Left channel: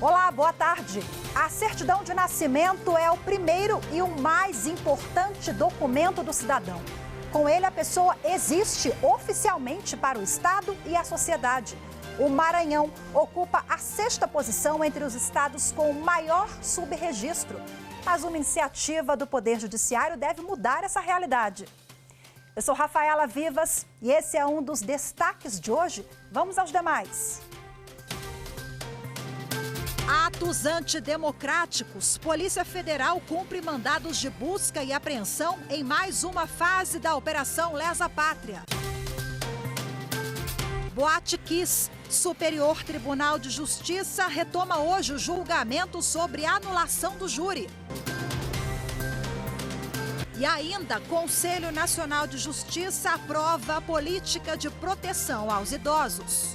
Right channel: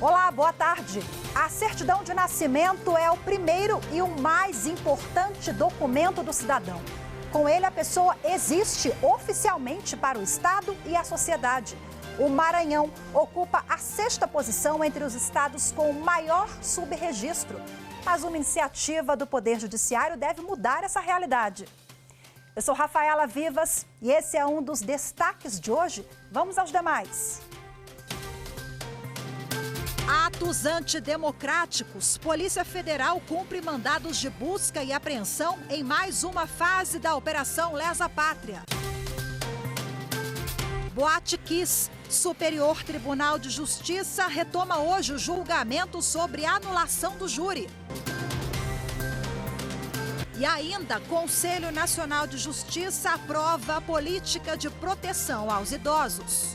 Olá, boa tarde. A certidão de nascimento é o primeiro e o mais importante documento do cidadão. Com ele, a pessoa existe oficialmente para o Estado e a sociedade. O Maranhão ocupa a 6ª posição entre os estados com maior subregistro. Mas uma iniciativa do Poder Judiciário deve mudar essa realidade. Eu sou Rafaela Vivas e esse é um dos destaques de hoje. Vamos aos demais. Atos antidemocráticos. Polícia Federal cumpre mandados de busca e apreensão em mais uma fase da Operação Lesa Pátria. Boate Kiss. Superior Tribunal de Justiça retoma hoje o julgamento sobre anulação do júri. E ainda, Conselho Nacional de Justiça aprova a política de proteção aos idosos.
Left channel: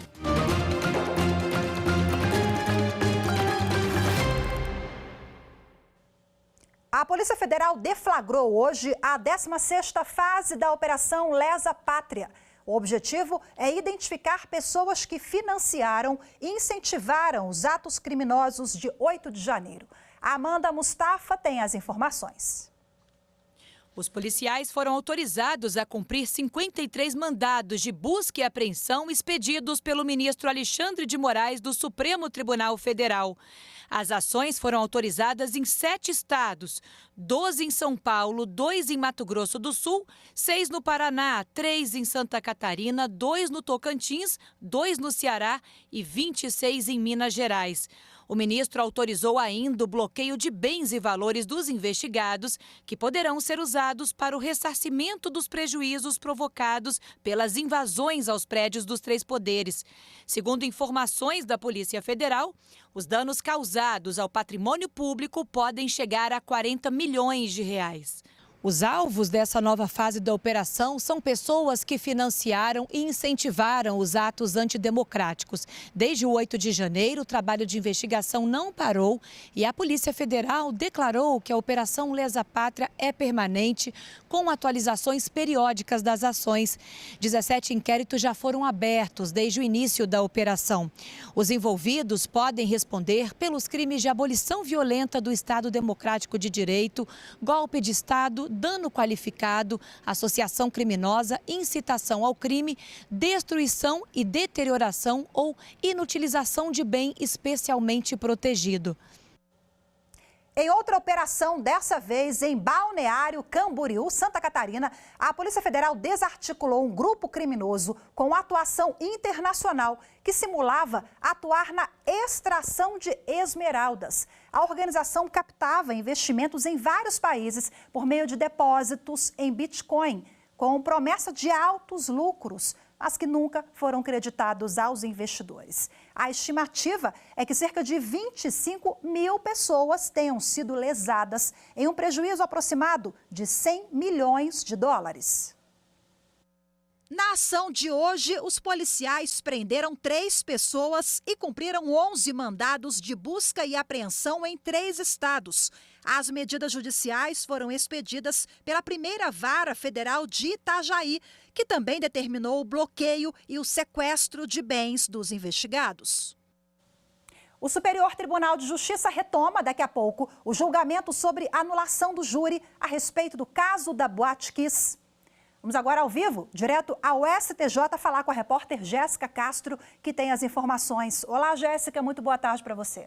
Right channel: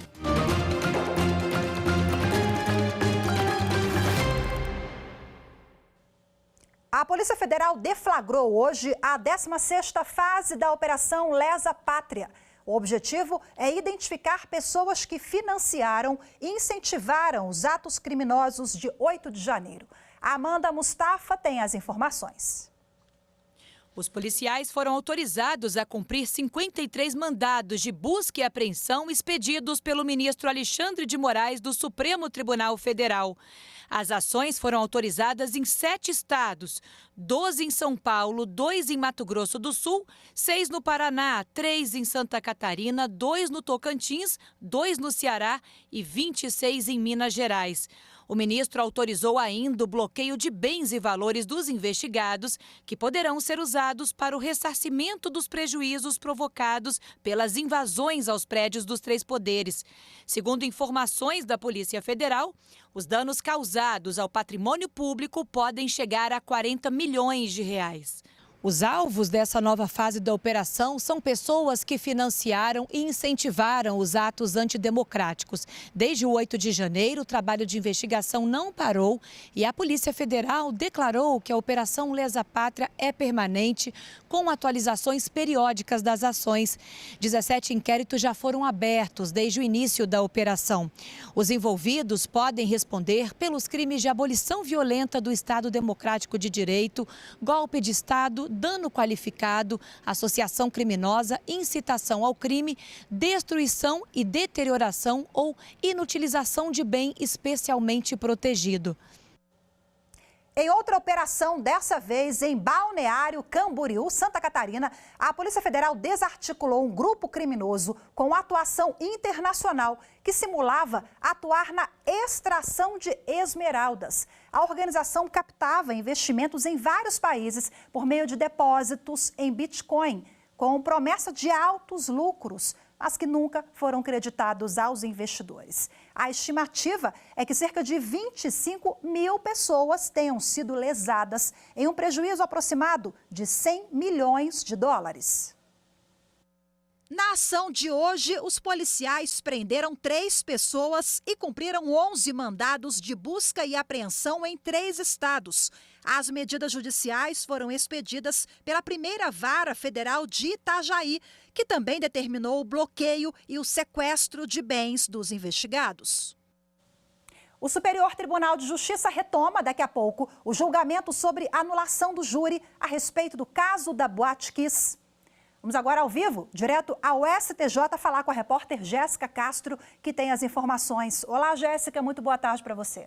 A Polícia Federal deflagrou hoje a 16ª fase da Operação Lesa Pátria. O objetivo é identificar pessoas que financiaram e incentivaram os atos criminosos de 8 de janeiro. A Amanda Mustafa tem as informações. Os policiais foram autorizados a cumprir 53 mandados de busca e apreensão expedidos pelo ministro Alexandre de Moraes do Supremo Tribunal Federal. As ações foram autorizadas em 7 estados, 12 em São Paulo, 2 em Mato Grosso do Sul, 6 no Paraná, 3 em Santa Catarina, 2 no Tocantins, 2 no Ceará e 26 em Minas Gerais. O ministro autorizou ainda o bloqueio de bens e valores dos investigados, que poderão ser usados para o ressarcimento dos prejuízos provocados pelas invasões aos prédios dos 3 poderes. Segundo informações da Polícia Federal, os danos causados ao patrimônio público podem chegar a 40 milhões de reais. Os alvos dessa nova fase da operação são pessoas que financiaram e incentivaram os atos antidemocráticos. Desde o 8 de janeiro, o trabalho de investigação não parou e a Polícia Federal declarou que a Operação Lesa Pátria é permanente, com atualizações periódicas das ações. 17 inquéritos já foram abertos desde o início da operação. Os envolvidos podem responder pelos crimes de abolição violenta do Estado Democrático de Direito, golpe de Estado, dano qualificado, associação criminosa, incitação ao crime, destruição e deterioração ou inutilização de bem especialmente protegido. Em outra operação, dessa vez em Balneário Camboriú, Santa Catarina, a Polícia Federal desarticulou um grupo criminoso com atuação internacional que simulava atuar na extração de esmeraldas. A organização captava investimentos em vários países por meio de depósitos em Bitcoin, com promessa de altos lucros, mas que nunca foram creditados aos investidores. A estimativa é que cerca de 25 mil pessoas tenham sido lesadas em um prejuízo aproximado de 100 milhões de dólares. Na ação de hoje, os policiais prenderam 3 pessoas e cumpriram 11 mandados de busca e apreensão em 3 estados. As medidas judiciais foram expedidas pela primeira Vara Federal de Itajaí, que também determinou o bloqueio e o sequestro de bens dos investigados. O Superior Tribunal de Justiça retoma daqui a pouco o julgamento sobre anulação do júri a respeito do caso da Boate Kiss. Vamos agora ao vivo, direto ao STJ, falar com a repórter Jéssica Castro, que tem as informações. Olá, Jéssica, muito boa tarde para você.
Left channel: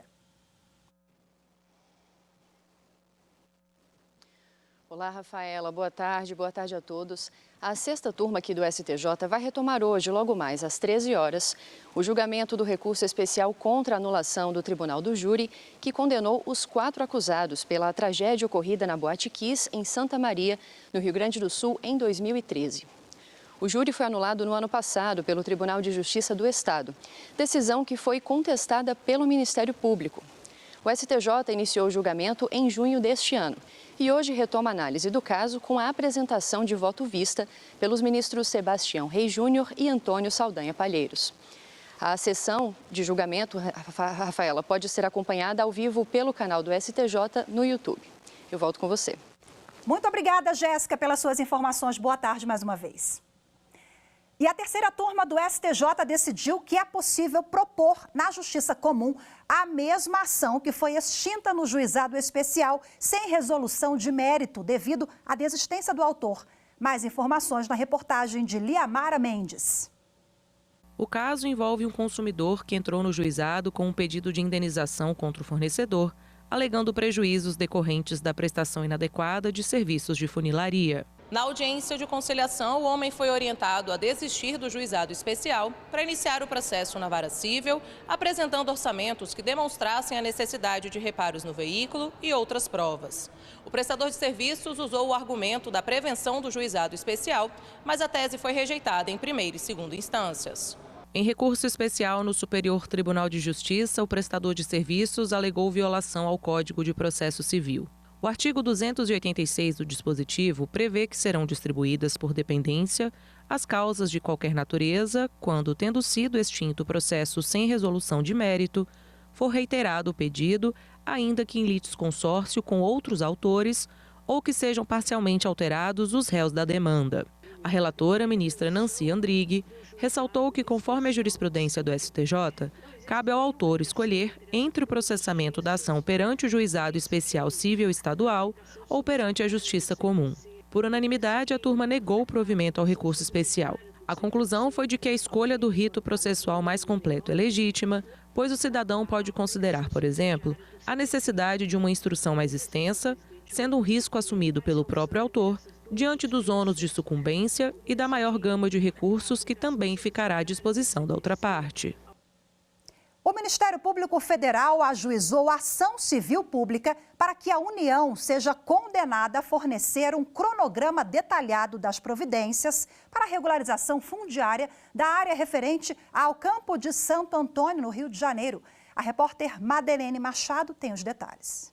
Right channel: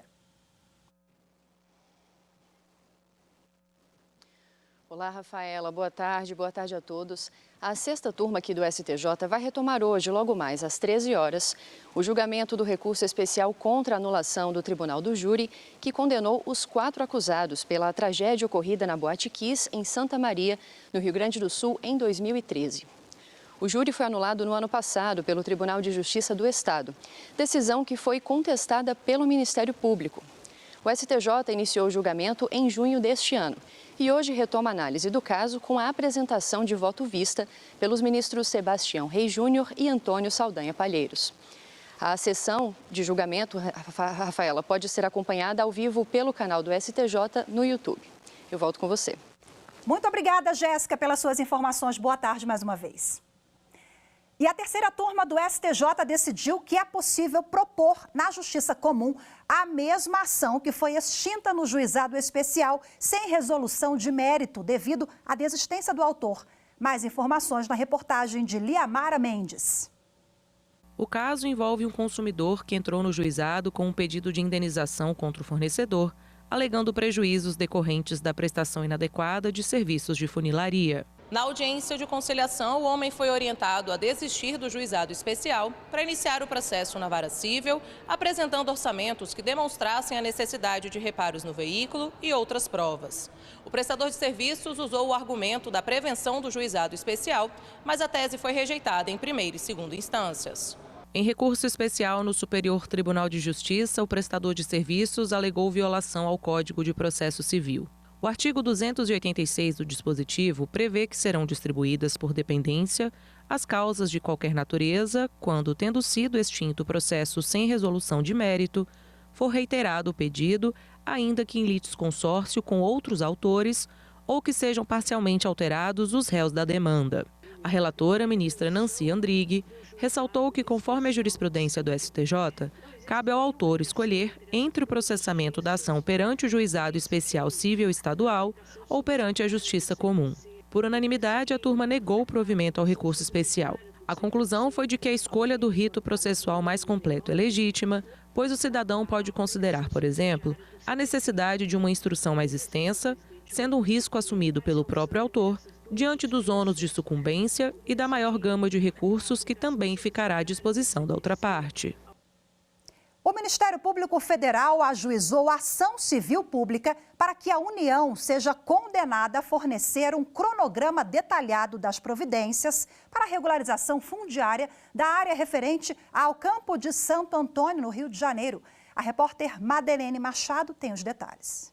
Olá, Rafaela, boa tarde a todos. A 6ª turma aqui do STJ vai retomar hoje, logo mais às 13 horas, o julgamento do recurso especial contra a anulação do Tribunal do Júri, que condenou os 4 acusados pela tragédia ocorrida na Boate Kiss, em Santa Maria, no Rio Grande do Sul, em 2013. O júri foi anulado no ano passado pelo Tribunal de Justiça do Estado, decisão que foi contestada pelo Ministério Público. O STJ iniciou o julgamento em junho deste ano e hoje retoma a análise do caso com a apresentação de voto vista pelos ministros Sebastião Reis Júnior e Antônio Saldanha Palheiros. A sessão de julgamento, Rafaela, pode ser acompanhada ao vivo pelo canal do STJ no YouTube. Eu volto com você. Muito obrigada, Jéssica, pelas suas informações. Boa tarde mais uma vez. E a terceira turma do STJ decidiu que é possível propor na Justiça Comum a mesma ação que foi extinta no Juizado Especial sem resolução de mérito devido à desistência do autor. Mais informações na reportagem de Liamara Mendes. O caso envolve um consumidor que entrou no juizado com um pedido de indenização contra o fornecedor, alegando prejuízos decorrentes da prestação inadequada de serviços de funilaria. Na audiência de conciliação, o homem foi orientado a desistir do juizado especial para iniciar o processo na vara civil, apresentando orçamentos que demonstrassem a necessidade de reparos no veículo e outras provas. O prestador de serviços usou o argumento da prevenção do juizado especial, mas a tese foi rejeitada em primeira e segunda instâncias. Em recurso especial no Superior Tribunal de Justiça, o prestador de serviços alegou violação ao Código de Processo Civil. O artigo 286 do dispositivo prevê que serão distribuídas por dependência as causas de qualquer natureza quando, tendo sido extinto o processo sem resolução de mérito, for reiterado o pedido, ainda que em litisconsórcio com outros autores ou que sejam parcialmente alterados os réus da demanda. A relatora, ministra Nancy Andrighi, ressaltou que, conforme a jurisprudência do STJ, cabe ao autor escolher entre o processamento da ação perante o Juizado Especial Cível Estadual ou perante a Justiça Comum. Por unanimidade, a turma negou o provimento ao recurso especial. A conclusão foi de que a escolha do rito processual mais completo é legítima, pois o cidadão pode considerar, por exemplo, a necessidade de uma instrução mais extensa, sendo um risco assumido pelo próprio autor, diante dos ônus de sucumbência e da maior gama de recursos que também ficará à disposição da outra parte. O Ministério Público Federal ajuizou ação civil pública para que a União seja condenada a fornecer um cronograma detalhado das providências para a regularização fundiária da área referente ao Campo de Santo Antônio, no Rio de Janeiro. A repórter Madeleine Machado tem os detalhes.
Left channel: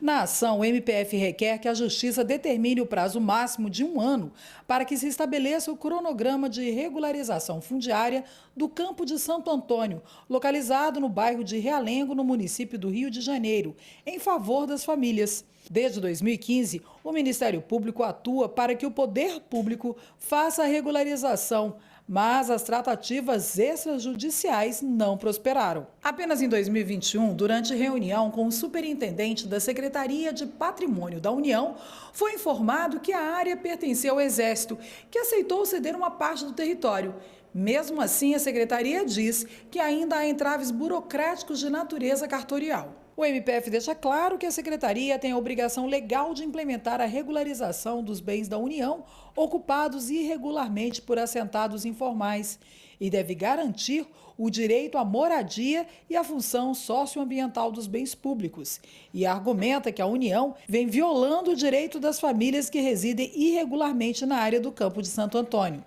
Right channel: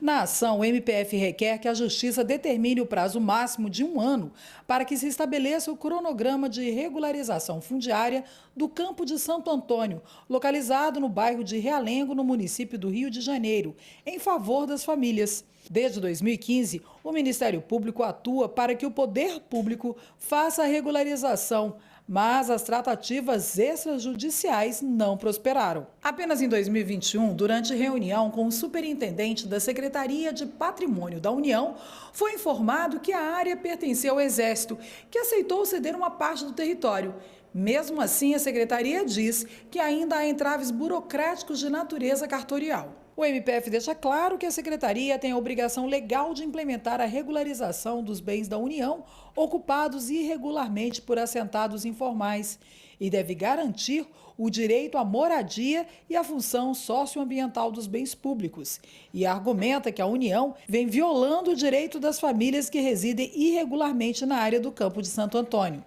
Na ação, o MPF requer que a Justiça determine o prazo máximo de 1 ano para que se estabeleça o cronograma de regularização fundiária do Campo de Santo Antônio, localizado no bairro de Realengo, no município do Rio de Janeiro, em favor das famílias. Desde 2015, o Ministério Público atua para que o poder público faça a regularização, mas as tratativas extrajudiciais não prosperaram. Apenas em 2021, durante reunião com o superintendente da Secretaria de Patrimônio da União, foi informado que a área pertencia ao Exército, que aceitou ceder uma parte do território. Mesmo assim, a Secretaria diz que ainda há entraves burocráticos de natureza cartorial. O MPF deixa claro que a Secretaria tem a obrigação legal de implementar a regularização dos bens da União ocupados irregularmente por assentados informais e deve garantir o direito à moradia e a função socioambiental dos bens públicos. E argumenta que a União vem violando o direito das famílias que residem irregularmente na área do Campo de Santo Antônio.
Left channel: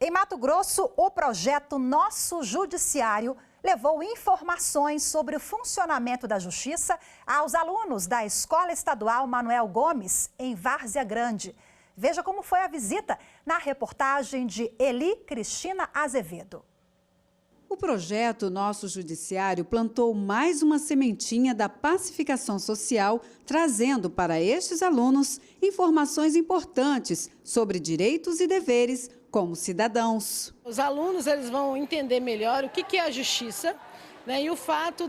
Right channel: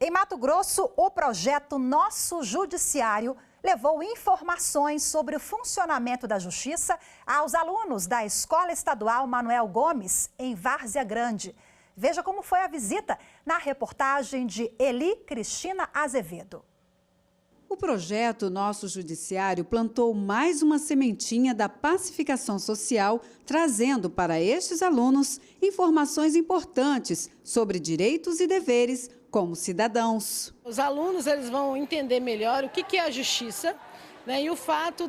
Em Mato Grosso, o projeto Nosso Judiciário levou informações sobre o funcionamento da Justiça aos alunos da Escola Estadual Manuel Gomes, em Várzea Grande. Veja como foi a visita na reportagem de Eli Cristina Azevedo. O projeto Nosso Judiciário plantou mais uma sementinha da pacificação social, trazendo para estes alunos informações importantes sobre direitos e deveres como cidadãos. Os alunos eles vão entender melhor o que é a justiça, né? E o fato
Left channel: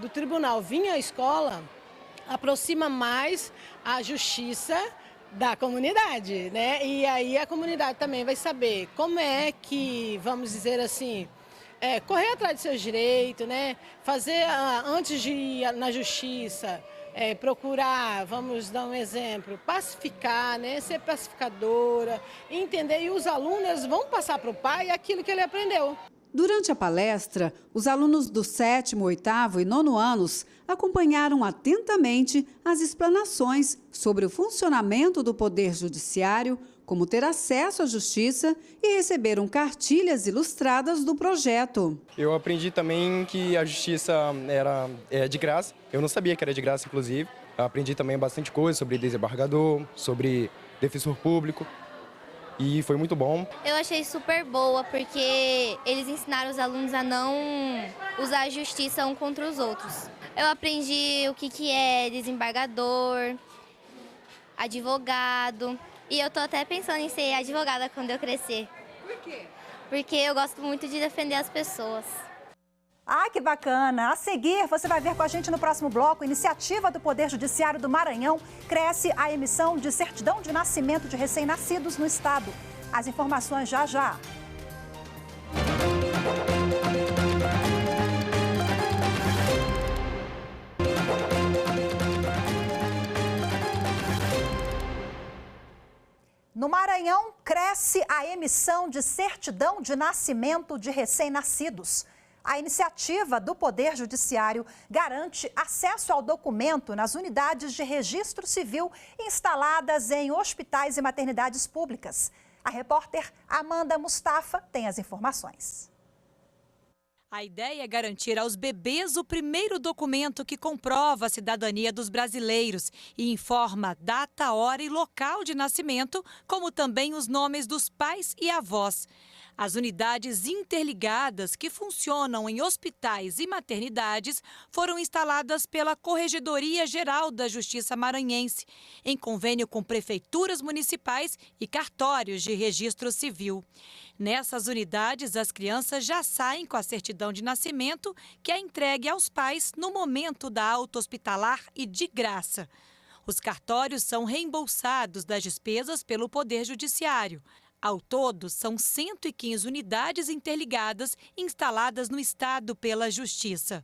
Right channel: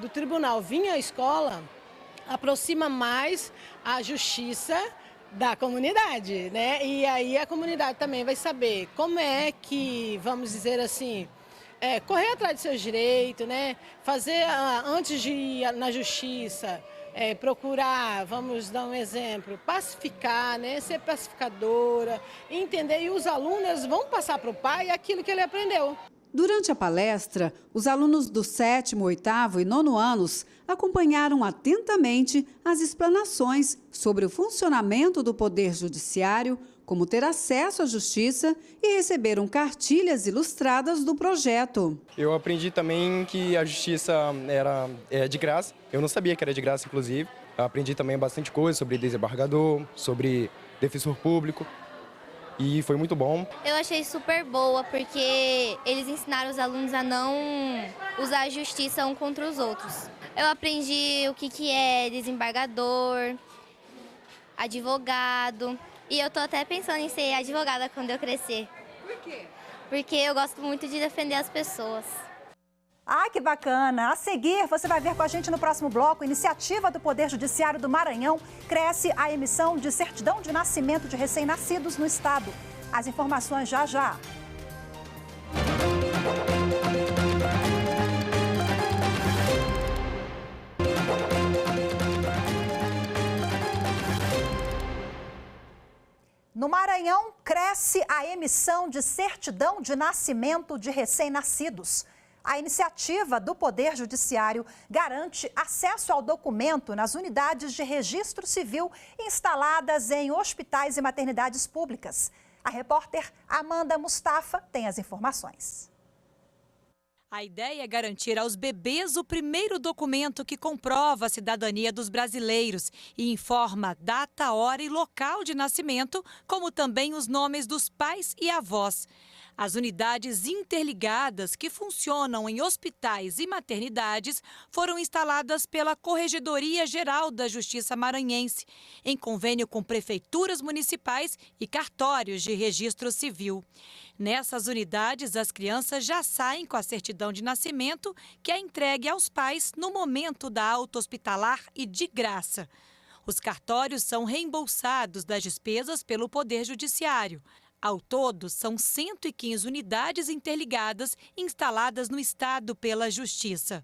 do tribunal vir à escola aproxima mais a justiça da comunidade, né? E aí a comunidade também vai saber como é que, vamos dizer assim, correr atrás de seus direitos, né? Fazer, antes de ir na justiça, procurar, vamos dar um exemplo, pacificar, né? Ser pacificadora, entender. E os alunos vão passar para o pai aquilo que ele aprendeu. Durante a palestra, os alunos do 7º, 8º e 9º anos acompanharam atentamente as explanações sobre o funcionamento do Poder Judiciário, como ter acesso à justiça e receberam cartilhas ilustradas do projeto. Eu aprendi também que a justiça era de graça. Eu não sabia que era de graça, inclusive. Eu aprendi também bastante coisa sobre desembargador, sobre defensor público. e foi muito bom. Eu achei super boa, porque eles ensinaram os alunos a não usar a justiça um contra os outros. Eu aprendi o que é desembargador, advogado, e eu tô até pensando em ser advogada quando eu crescer. Por quê? Porque eu gosto muito de defender as pessoas. Ah, que bacana! A seguir, você vai ver com a gente no próximo bloco, iniciativa do Poder Judiciário do Maranhão cresce a emissão de certidão de nascimento de recém-nascidos no estado. As informações já já. No Maranhão, cresce a emissão de certidão de nascimento de recém-nascidos. A iniciativa do Poder Judiciário garante acesso ao documento nas unidades de registro civil instaladas em hospitais e maternidades públicas. A repórter Amanda Mustafa tem as informações. A ideia é garantir aos bebês o primeiro documento que comprova a cidadania dos brasileiros e informa data, hora e local de nascimento, como também os nomes dos pais e avós. As unidades interligadas que funcionam em hospitais e maternidades foram instaladas pela Corregedoria Geral da Justiça Maranhense, em convênio com prefeituras municipais e cartórios de registro civil. Nessas unidades, as crianças já saem com a certidão de nascimento, que é entregue aos pais no momento da alta hospitalar e de graça. Os cartórios são reembolsados das despesas pelo Poder Judiciário. Ao todo, são 115 unidades interligadas instaladas no estado pela Justiça.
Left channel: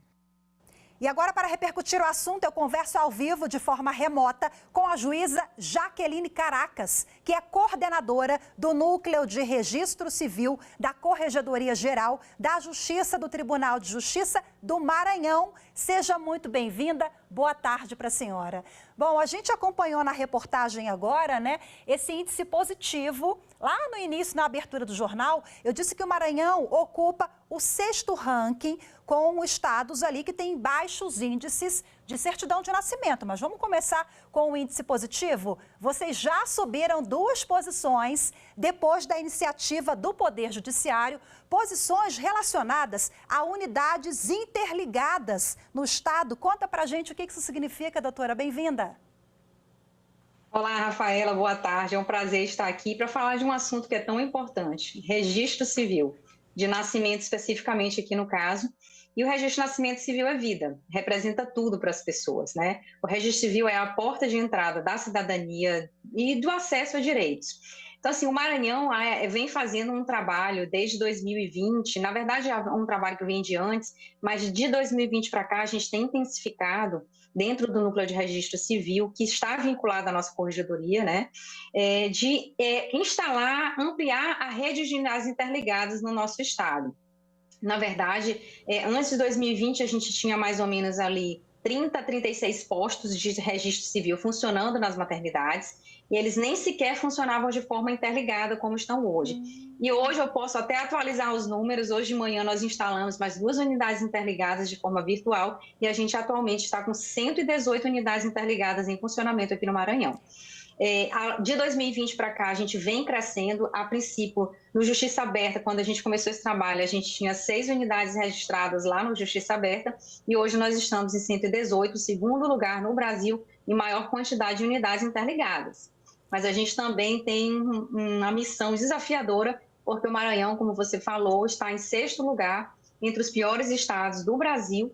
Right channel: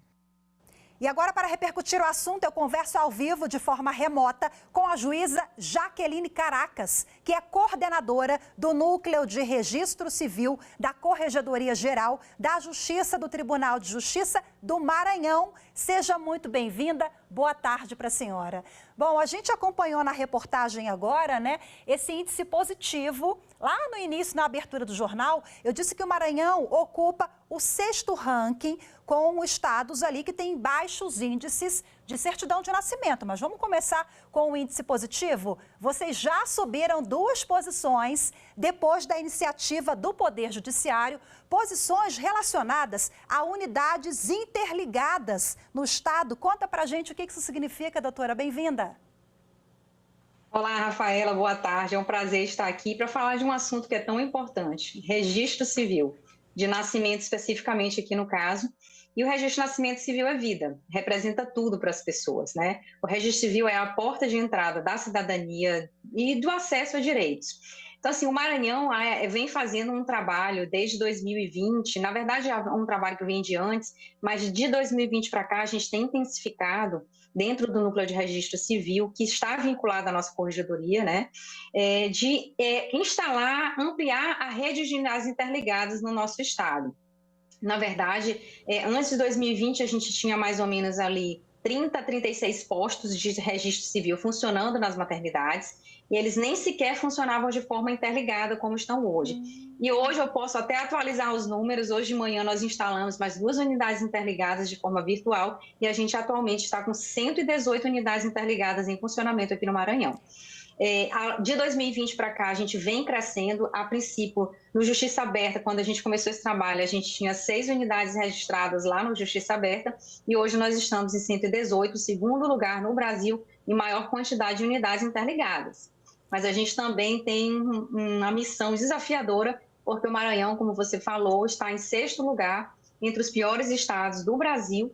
E agora, para repercutir o assunto, eu converso ao vivo, de forma remota, com a juíza Jaqueline Caracas, que é coordenadora do Núcleo de Registro Civil da Corregedoria Geral da Justiça do Tribunal de Justiça do Maranhão. Seja muito bem-vinda. Boa tarde para a senhora. Bom, a gente acompanhou na reportagem agora, né, esse índice positivo. Lá no início, na abertura do jornal, eu disse que o Maranhão ocupa o 6º ranking com estados ali que têm baixos índices de certidão de nascimento. Mas vamos começar com o índice positivo? Vocês já subiram 2 posições depois da iniciativa do Poder Judiciário, posições relacionadas a unidades interligadas no estado. Conta pra gente o que isso significa, doutora. Bem-vinda. Olá, Rafaela, boa tarde. É um prazer estar aqui para falar de um assunto que é tão importante, registro civil, de nascimento especificamente aqui no caso. E o registro de nascimento civil é vida, representa tudo para as pessoas, né? O registro civil é a porta de entrada da cidadania e do acesso a direitos. Então, assim, o Maranhão vem fazendo um trabalho desde 2020, na verdade é um trabalho que vem de antes, mas de 2020 para cá a gente tem intensificado dentro do Núcleo de Registro Civil, que está vinculado à nossa corregedoria, né, de instalar, ampliar a rede de unidades interligadas no nosso estado. Na verdade, antes de 2020, a gente tinha mais ou menos ali 30 a 36 postos de registro civil funcionando nas maternidades, e eles nem sequer funcionavam de forma interligada como estão hoje. E hoje eu posso até atualizar os números. Hoje de manhã nós instalamos mais 2 unidades interligadas de forma virtual e a gente atualmente está com 118 unidades interligadas em funcionamento aqui no Maranhão. De 2020 para cá, a gente vem crescendo. A princípio, no Justiça Aberta, quando a gente começou esse trabalho, a gente tinha 6 unidades registradas lá no Justiça Aberta e hoje nós estamos em 118, segundo lugar no Brasil em maior quantidade de unidades interligadas. Mas a gente também tem uma missão desafiadora, porque o Maranhão, como você falou, está em 6º lugar entre os piores estados do Brasil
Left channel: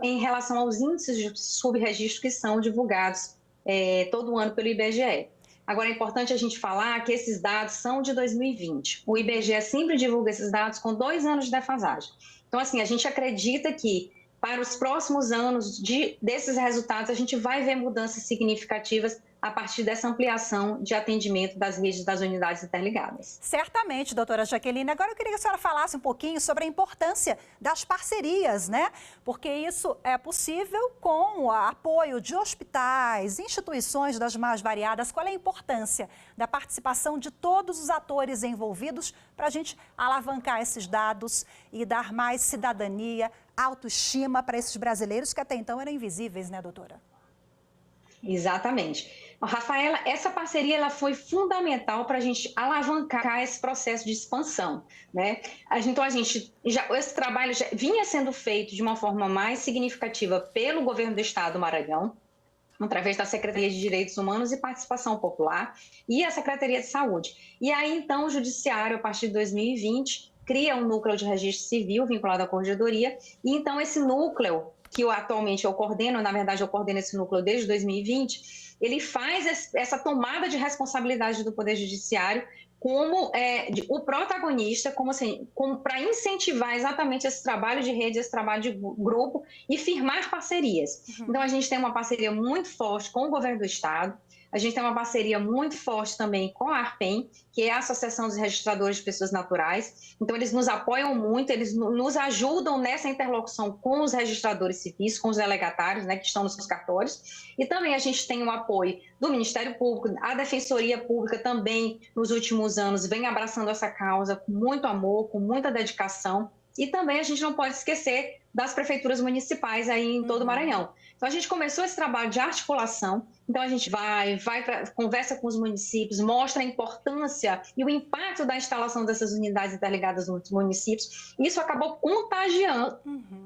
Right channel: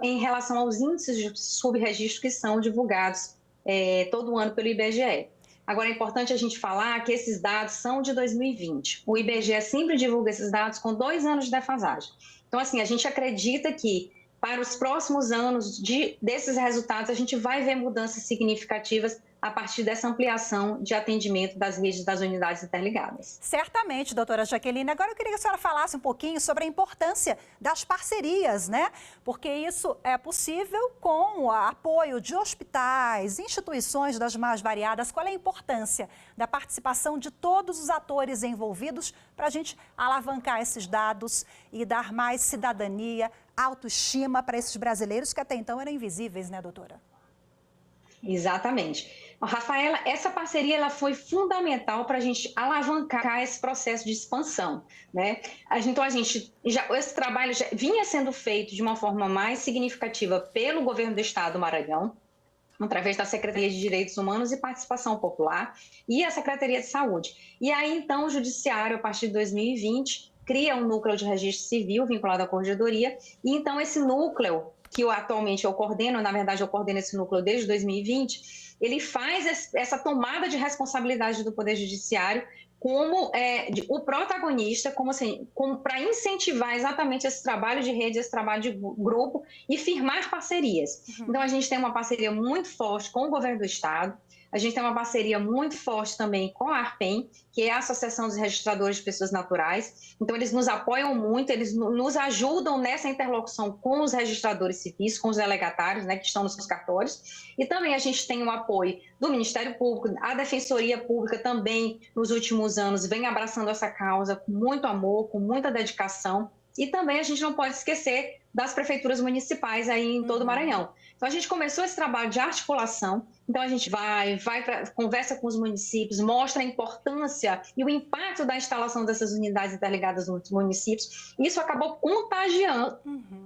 em relação aos índices de subregistro que são divulgados todo ano pelo IBGE. Agora, é importante a gente falar que esses dados são de 2020. O IBGE sempre divulga esses dados com 2 anos de defasagem. Então, assim, a gente acredita que para os próximos anos desses resultados, a gente vai ver mudanças significativas a partir dessa ampliação de atendimento das redes das unidades interligadas. Certamente, doutora Jaqueline. Agora eu queria que a senhora falasse um pouquinho sobre a importância das parcerias, né? Porque isso é possível com o apoio de hospitais, instituições das mais variadas. Qual é a importância da participação de todos os atores envolvidos para a gente alavancar esses dados e dar mais cidadania, autoestima para esses brasileiros que até então eram invisíveis, né, doutora? Exatamente. Rafaela, essa parceria ela foi fundamental para a gente alavancar esse processo de expansão, né? Então, esse trabalho já vinha sendo feito de uma forma mais significativa pelo governo do Estado do Maranhão, através da Secretaria de Direitos Humanos e Participação Popular e a Secretaria de Saúde. E aí, então, o Judiciário, a partir de 2020, cria um núcleo de registro civil vinculado à Corregedoria, e então esse núcleo, que atualmente eu coordeno, na verdade eu coordeno esse núcleo desde 2020, ele faz essa tomada de responsabilidade do Poder Judiciário como o protagonista, como para incentivar exatamente esse trabalho de rede, esse trabalho de grupo e firmar parcerias. Então, a gente tem uma parceria muito forte com o governo do Estado, a gente tem uma parceria muito forte também com a ARPEM, que é a Associação dos Registradores de Pessoas Naturais. Então, eles nos apoiam muito, eles nos ajudam nessa interlocução com os registradores civis, com os delegatários, né, que estão nos cartórios. E também a gente tem o apoio do Ministério Público, a Defensoria Pública também, nos últimos anos, vem abraçando essa causa com muito amor, com muita dedicação. E também a gente não pode esquecer das prefeituras municipais aí em todo o Maranhão. Então, a gente começou esse trabalho de articulação. Então, a gente conversa com os municípios, mostra a importância e o impacto da instalação dessas unidades interligadas nos municípios. Isso acabou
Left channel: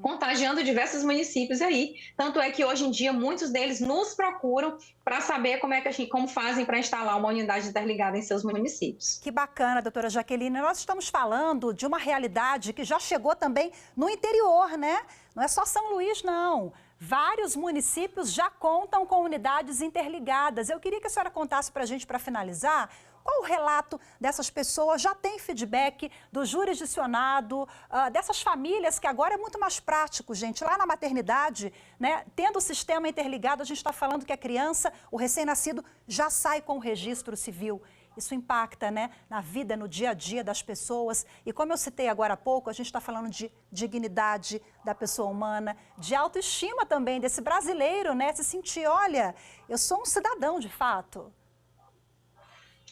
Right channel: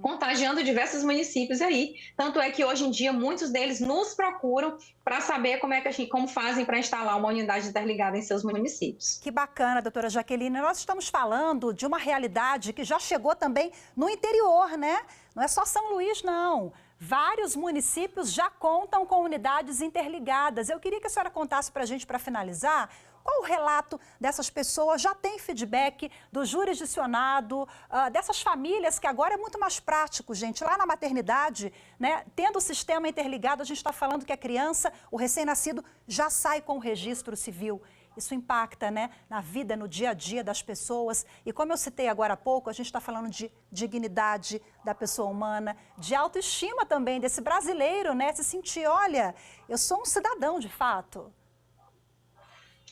contagiando diversos municípios aí. Tanto é que, hoje em dia, muitos deles nos procuram para saber como fazem para instalar uma unidade interligada em seus municípios. Que bacana, doutora Jaqueline. Nós estamos falando de uma realidade que já chegou também no interior, né? Não é só São Luís, não. Vários municípios já contam com unidades interligadas. Eu queria que a senhora contasse para a gente, para finalizar, qual o relato dessas pessoas? Já tem feedback do jurisdicionado, dessas famílias, que agora é muito mais prático, gente. Lá na maternidade, né, tendo o sistema interligado, a gente está falando que a criança, o recém-nascido, já sai com o registro civil. Isso impacta, né, na vida, no dia a dia das pessoas. E como eu citei agora há pouco, a gente está falando de dignidade da pessoa humana, de autoestima também desse brasileiro, né? Se sentir, olha, eu sou um cidadão de fato.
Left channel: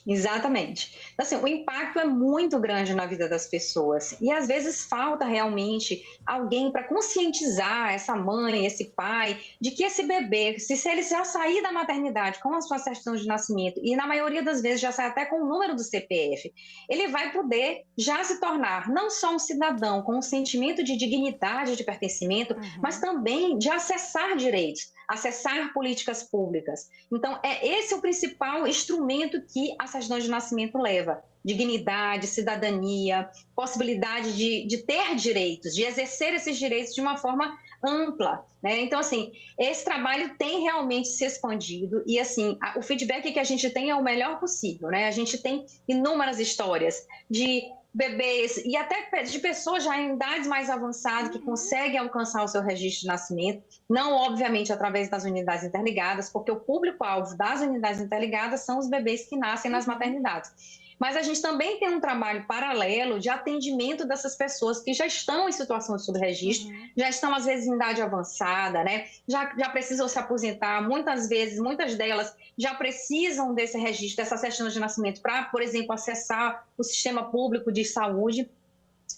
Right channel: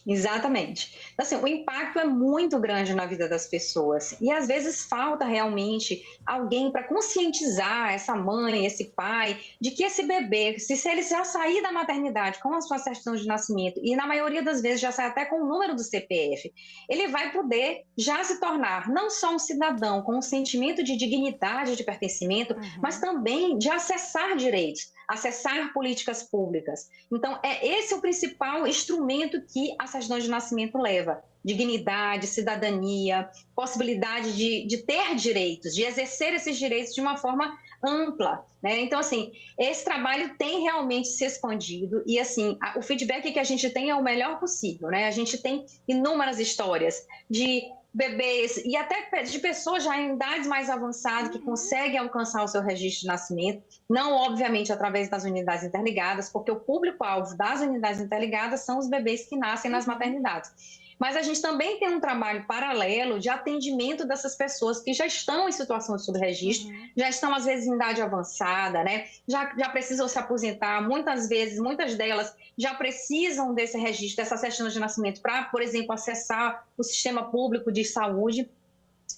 Exatamente. Assim, o impacto é muito grande na vida das pessoas e às vezes falta realmente alguém para conscientizar essa mãe, esse pai, de que esse bebê, se ele já sair da maternidade com a sua certidão de nascimento e na maioria das vezes já sai até com o número do CPF, ele vai poder já se tornar não só um cidadão com um sentimento de dignidade, de pertencimento, mas também de acessar direitos, acessar políticas públicas. Então, esse é o principal instrumento que a certidão de nascimento leva. Dignidade, cidadania, possibilidade de ter direitos, de exercer esses direitos de uma forma ampla, né? Então, assim, esse trabalho tem realmente se expandido e, assim, o feedback que a gente tem é o melhor possível, né? A gente tem inúmeras histórias de bebês e até de pessoas já em idades mais avançadas que conseguem alcançar o seu registro de nascimento, não obviamente através das unidades interligadas, porque o público-alvo das unidades interligadas são os bebês que nascem nas maternidades. Mas a gente também tem um trabalho paralelo de atendimento dessas pessoas que já estão em situação de subregistro, já estão às vezes em idade avançada, né? Já precisam se aposentar, muitas delas já precisam desse registro, dessa certidão de nascimento para, por exemplo, acessar o sistema público de saúde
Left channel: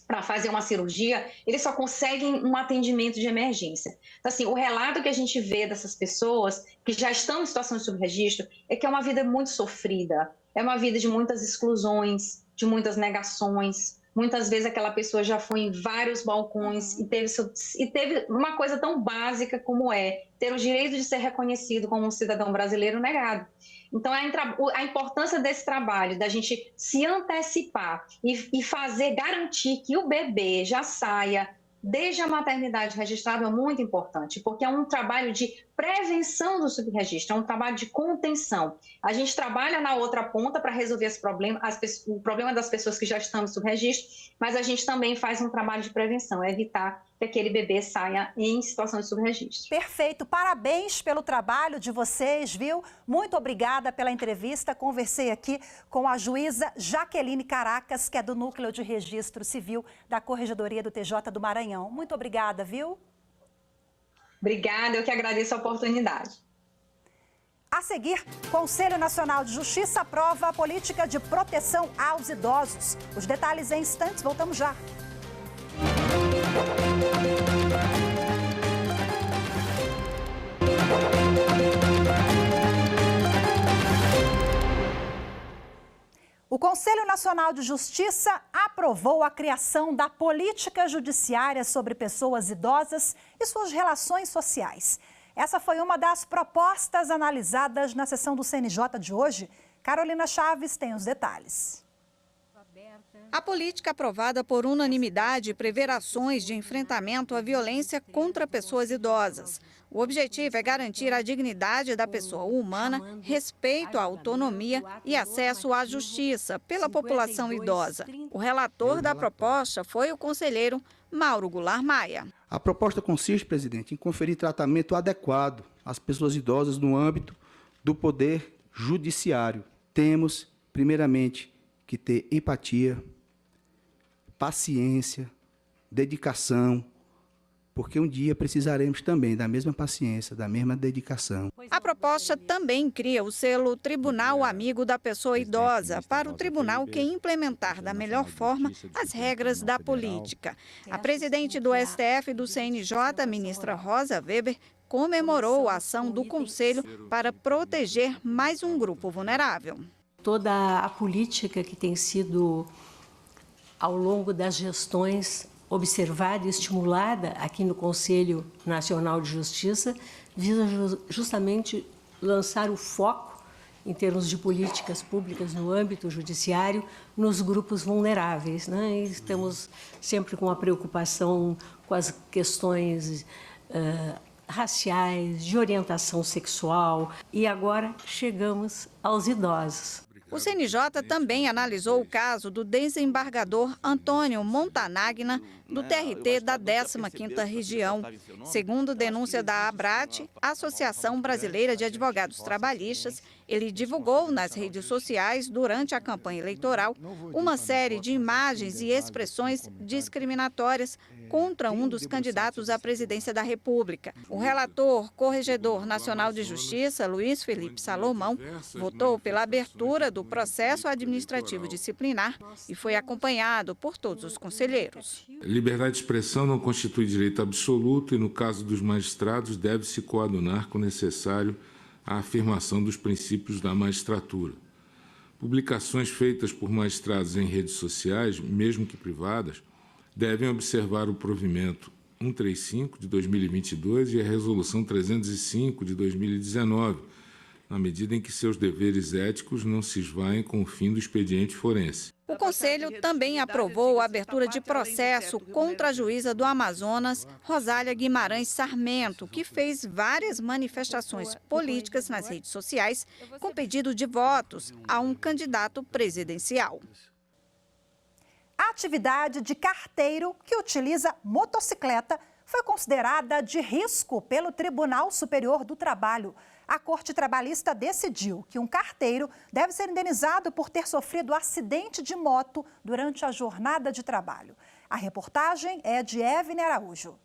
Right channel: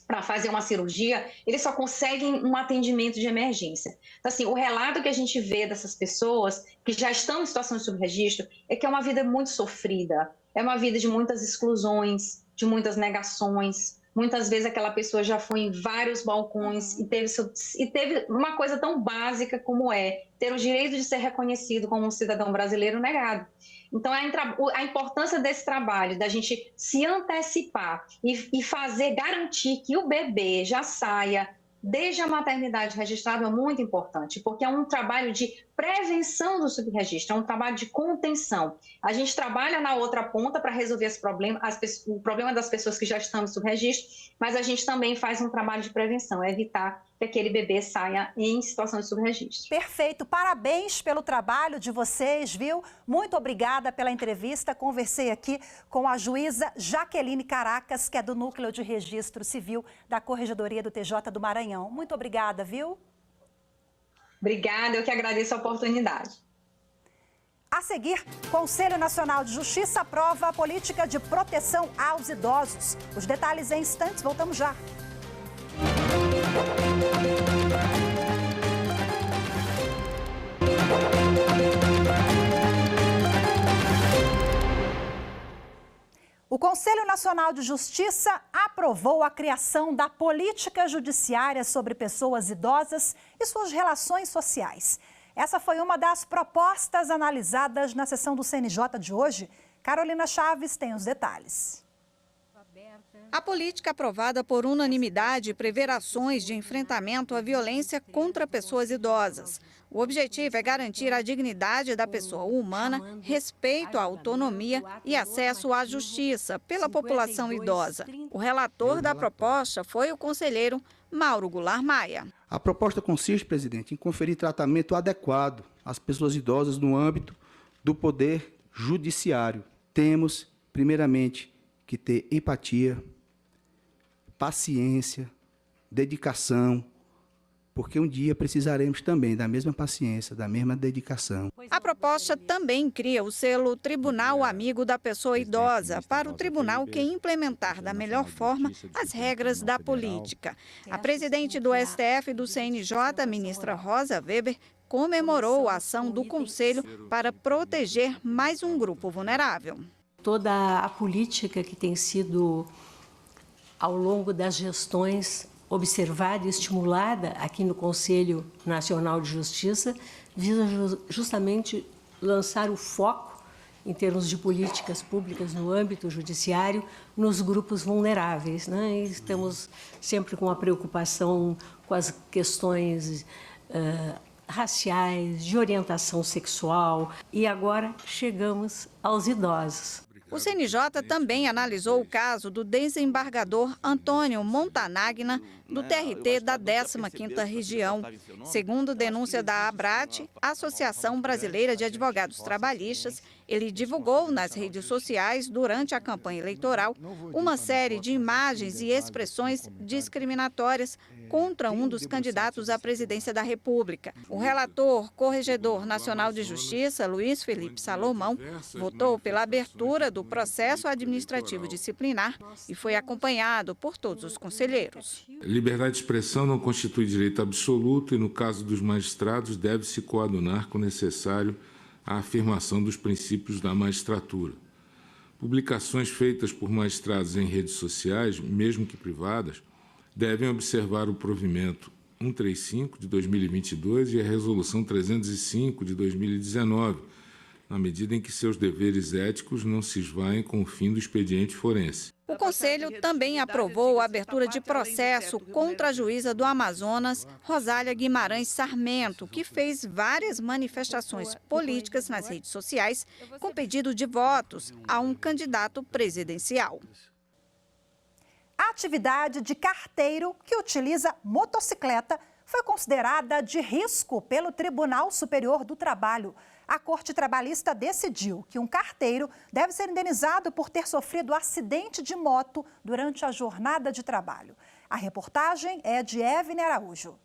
para fazer uma cirurgia, eles só conseguem um atendimento de emergência. Então, assim, o relato que a gente vê dessas pessoas que já estão em situação de subregistro é que é uma vida muito sofrida, é uma vida de muitas exclusões, de muitas negações. Muitas vezes aquela pessoa já foi em vários balcões e teve uma coisa tão básica como ter o direito de ser reconhecido como um cidadão brasileiro negado. Então, a importância desse trabalho, da gente se antecipar e garantir que o bebê já saia desde a maternidade registrada é muito importante, porque é um trabalho de prevenção do subregistro, é um trabalho de contenção. A gente trabalha na outra ponta para resolver esse problema, o problema das pessoas que já estão no subregistro, mas a gente também faz um trabalho de prevenção, evitar que aquele bebê saia em situação de subregistro. Perfeito, parabéns pelo trabalho de vocês, viu? Muito obrigada pela entrevista. Conversei aqui com a juíza Jaqueline Caracas, que é do Núcleo de Registro Civil da Corregedoria do TJ do Maranhão. Muito obrigada, viu? Obrigada, eu que agradeço a oportunidade. A seguir, Conselho Nacional de Justiça aprova a política de proteção aos idosos. Os detalhes em instantes, voltamos já. Nacional de Justiça aprovou a criação da política judiciária sobre pessoas idosas e suas relações sociais. Essa foi uma das propostas analisadas na sessão do CNJ de hoje. Carolina Chaves tem os detalhes. A política aprovada por unanimidade prevê ações de enfrentamento à violência contra pessoas idosas. O objetivo é garantir a dignidade da pessoa humana, respeito à autonomia e acesso à justiça pela população idosa. O relator da proposta foi o conselheiro Mauro Goulart Maia. A proposta consiste, presidente, em conferir tratamento adequado às pessoas idosas no âmbito do poder judiciário. Temos, primeiramente, que ter empatia, paciência, dedicação, porque um dia precisaremos também da mesma paciência, da mesma dedicação. A proposta também cria o selo Tribunal Amigo da Pessoa Idosa para o tribunal que implementar da melhor forma as regras da política. A presidente do STF e do CNJ, a ministra Rosa Weber, comemorou a ação do Conselho para proteger mais um grupo vulnerável. Toda a política que tem sido, ao longo das gestões, observada e estimulada aqui no Conselho Nacional de Justiça, visa justamente lançar o foco, em termos de políticas públicas no âmbito judiciário, nos grupos vulneráveis, né? E estamos sempre com a preocupação com as questões raciais, de orientação sexual, e agora chegamos aos idosos. O CNJ também analisou o caso do desembargador Antônio Montanagna, do TRT da 15ª Região. Segundo denúncia da ABRAT, Associação Brasileira de Advogados Trabalhistas, ele divulgou nas redes sociais, durante a campanha eleitoral, uma série de imagens e expressões discriminatórias contra um dos candidatos à presidência da República. O relator Corregedor Nacional de Justiça, Luiz Felipe Salomão, votou pela abertura do processo administrativo disciplinar e foi acompanhado por todos os conselheiros. Liberdade de expressão não constitui direito absoluto e, no caso dos magistrados, deve-se coadunar com o necessário à afirmação dos princípios da magistratura. Publicações feitas por magistrados em redes sociais, mesmo que privadas, devem observar o provimento 135 de 2022 e a resolução 305 de 2019, na medida em que seus deveres éticos não se esvaem com o fim do expediente forense. O Conselho também aprovou a abertura de processo contra a juíza do Amazonas, Rosália Guimarães Sarmento, que fez várias manifestações políticas nas redes sociais com pedido de votos a um candidato presidencial. A atividade de carteiro que utiliza motocicleta foi considerada de risco pelo Tribunal Superior do Trabalho. A Corte Trabalhista decidiu que um carteiro deve ser indenizado por ter sofrido acidente de moto durante a jornada de trabalho. A reportagem é de Evne Araújo.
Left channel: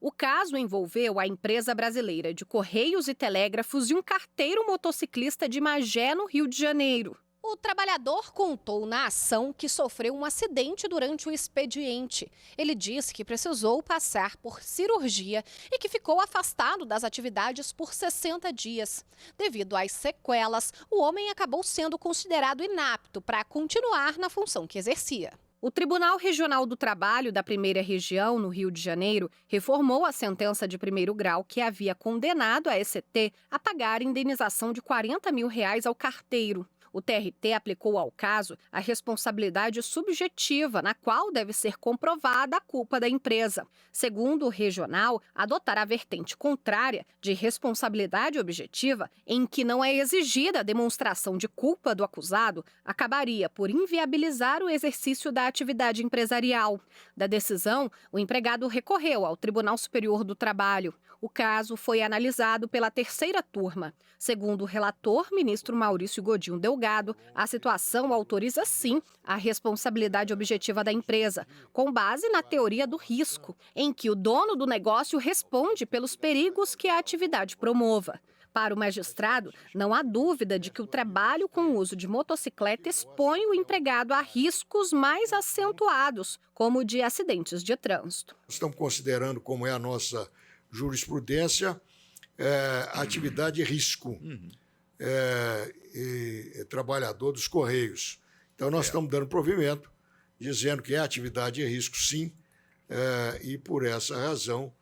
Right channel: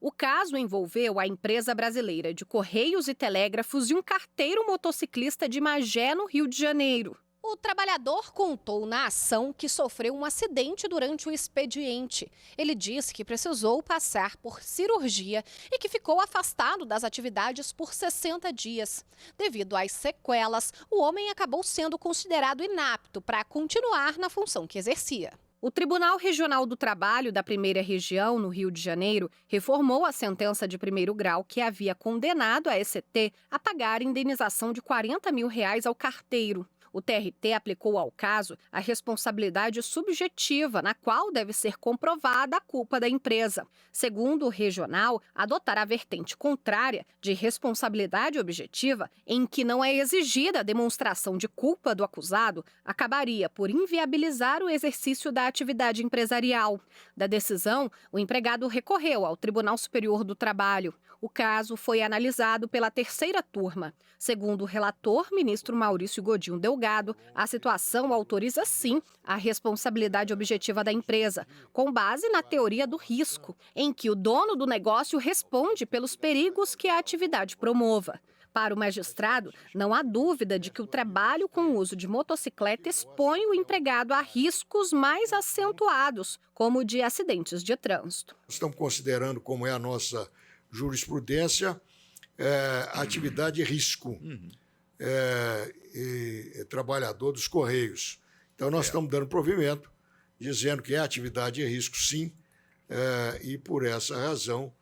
O caso envolveu a empresa brasileira de Correios e Telégrafos e um carteiro motociclista de Magé, no Rio de Janeiro. O trabalhador contou na ação que sofreu um acidente durante o expediente. Ele disse que precisou passar por cirurgia e que ficou afastado das atividades por 60 dias. Devido às sequelas, o homem acabou sendo considerado inapto para continuar na função que exercia. O Tribunal Regional do Trabalho da 1ª Região, no Rio de Janeiro, reformou a sentença de 1º grau que havia condenado a ECT a pagar indenização de R$40 mil ao carteiro. O TRT aplicou ao caso a responsabilidade subjetiva, na qual deve ser comprovada a culpa da empresa. Segundo o regional, adotar a vertente contrária de responsabilidade objetiva, em que não é exigida a demonstração de culpa do acusado, acabaria por inviabilizar o exercício da atividade empresarial. Da decisão, o empregado recorreu ao Tribunal Superior do Trabalho. O caso foi analisado pela 3ª turma. Segundo o relator, ministro Maurício Godinho Delgado, a situação autoriza sim a responsabilidade objetiva da empresa, com base na teoria do risco, em que o dono do negócio responde pelos perigos que a atividade promova. Para o magistrado, não há dúvida de que o trabalho com o uso de motocicleta expõe o empregado a riscos mais acentuados, como o de acidentes de trânsito. Estamos considerando, como é a nossa jurisprudência, atividade de risco, trabalhador dos Correios. Então, nós estamos dando provimento, dizendo que é atividade de risco, sim, e por essa razão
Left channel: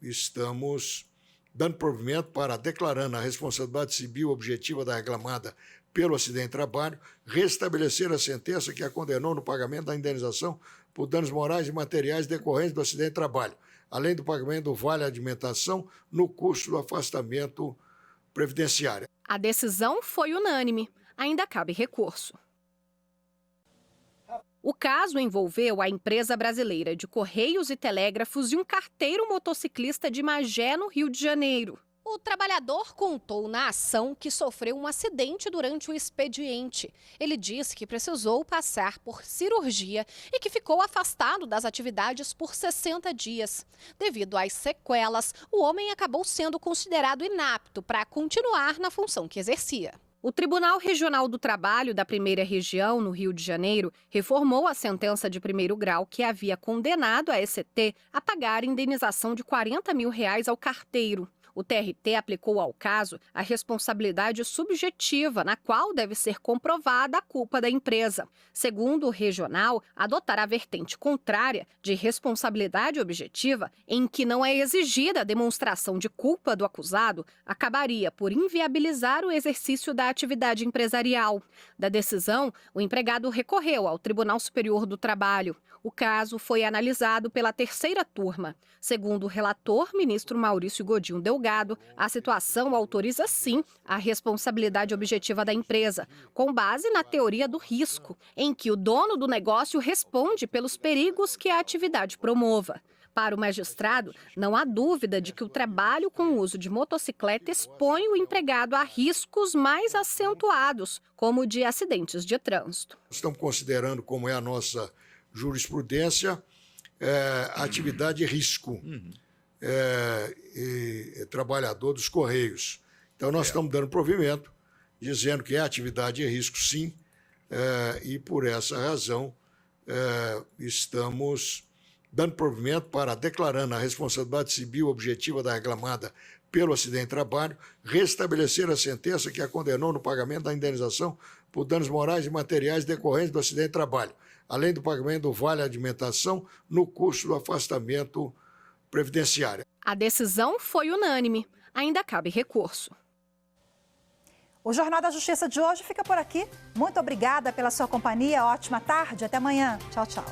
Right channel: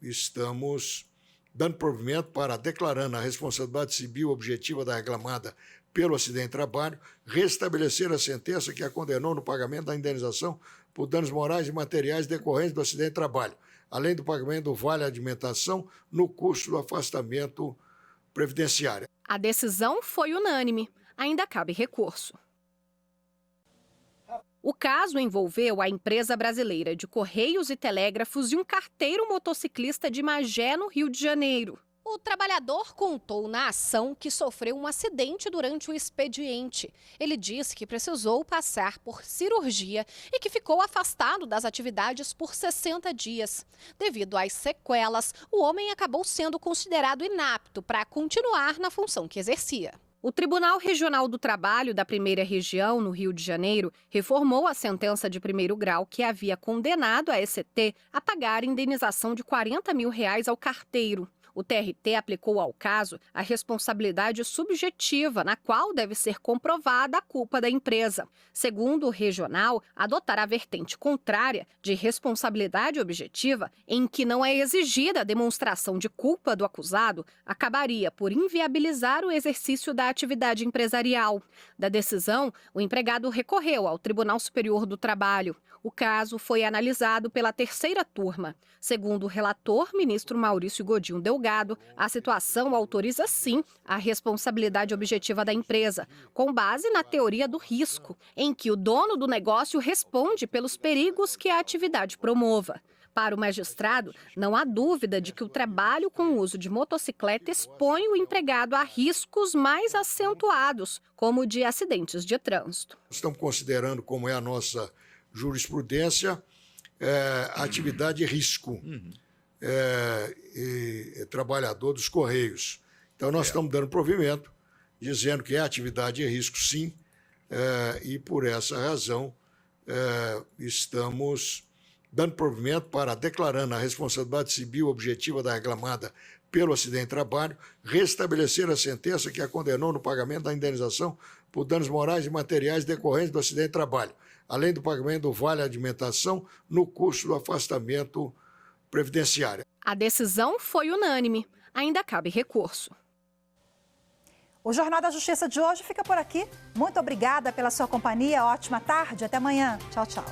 estamos dando provimento para, declarando a responsabilidade civil objetiva da reclamada pelo acidente de trabalho, restabelecer a sentença que a condenou no pagamento da indenização por danos morais e materiais decorrentes do acidente de trabalho, além do pagamento do vale alimentação no custo do afastamento previdenciário. A decisão foi unânime. Ainda cabe recurso. O caso envolveu a empresa brasileira de Correios e Telégrafos e um carteiro motociclista de Magé, no Rio de Janeiro. O trabalhador contou na ação que sofreu um acidente durante o expediente. Ele disse que precisou passar por cirurgia e que ficou afastado das atividades por 60 dias. Devido às sequelas, o homem acabou sendo considerado inapto para continuar na função que exercia. O Tribunal Regional do Trabalho da Primeira Região, no Rio de Janeiro, reformou a sentença de primeiro grau que havia condenado a ECT a pagar indenização de R$40 mil ao carteiro. O TRT aplicou ao caso a responsabilidade subjetiva, na qual deve ser comprovada a culpa da empresa. Segundo o regional, adotar a vertente contrária de responsabilidade objetiva, em que não é exigida a demonstração de culpa do acusado, acabaria por inviabilizar o exercício da atividade empresarial. Da decisão, o empregado recorreu ao Tribunal Superior do Trabalho. O caso foi analisado pela terceira turma. Segundo o relator, ministro Maurício Godinho Delgado, a situação autoriza sim a responsabilidade objetiva da empresa, com base na teoria do risco, em que o dono do negócio responde pelos perigos que a atividade promova. Para o magistrado, não há dúvida de que o trabalho com o uso de motocicleta expõe o empregado a riscos mais acentuados, como o de acidentes de trânsito. Estamos considerando, como é a nossa jurisprudência, atividade de risco, trabalhador dos Correios. Então, nós estamos dando provimento, dizendo que é atividade de risco, sim, e por essa razão estamos dando provimento para, declarando a responsabilidade civil objetiva da reclamada pelo acidente de trabalho, restabelecer a sentença que a condenou no pagamento da indenização por danos morais e materiais decorrentes do acidente de trabalho, além do pagamento do vale alimentação no custo do afastamento previdenciário. A decisão foi unânime. Ainda cabe recurso. O Jornal da Justiça de hoje fica por aqui. Muito obrigada pela sua companhia. Ótima tarde. Até amanhã. Tchau, tchau.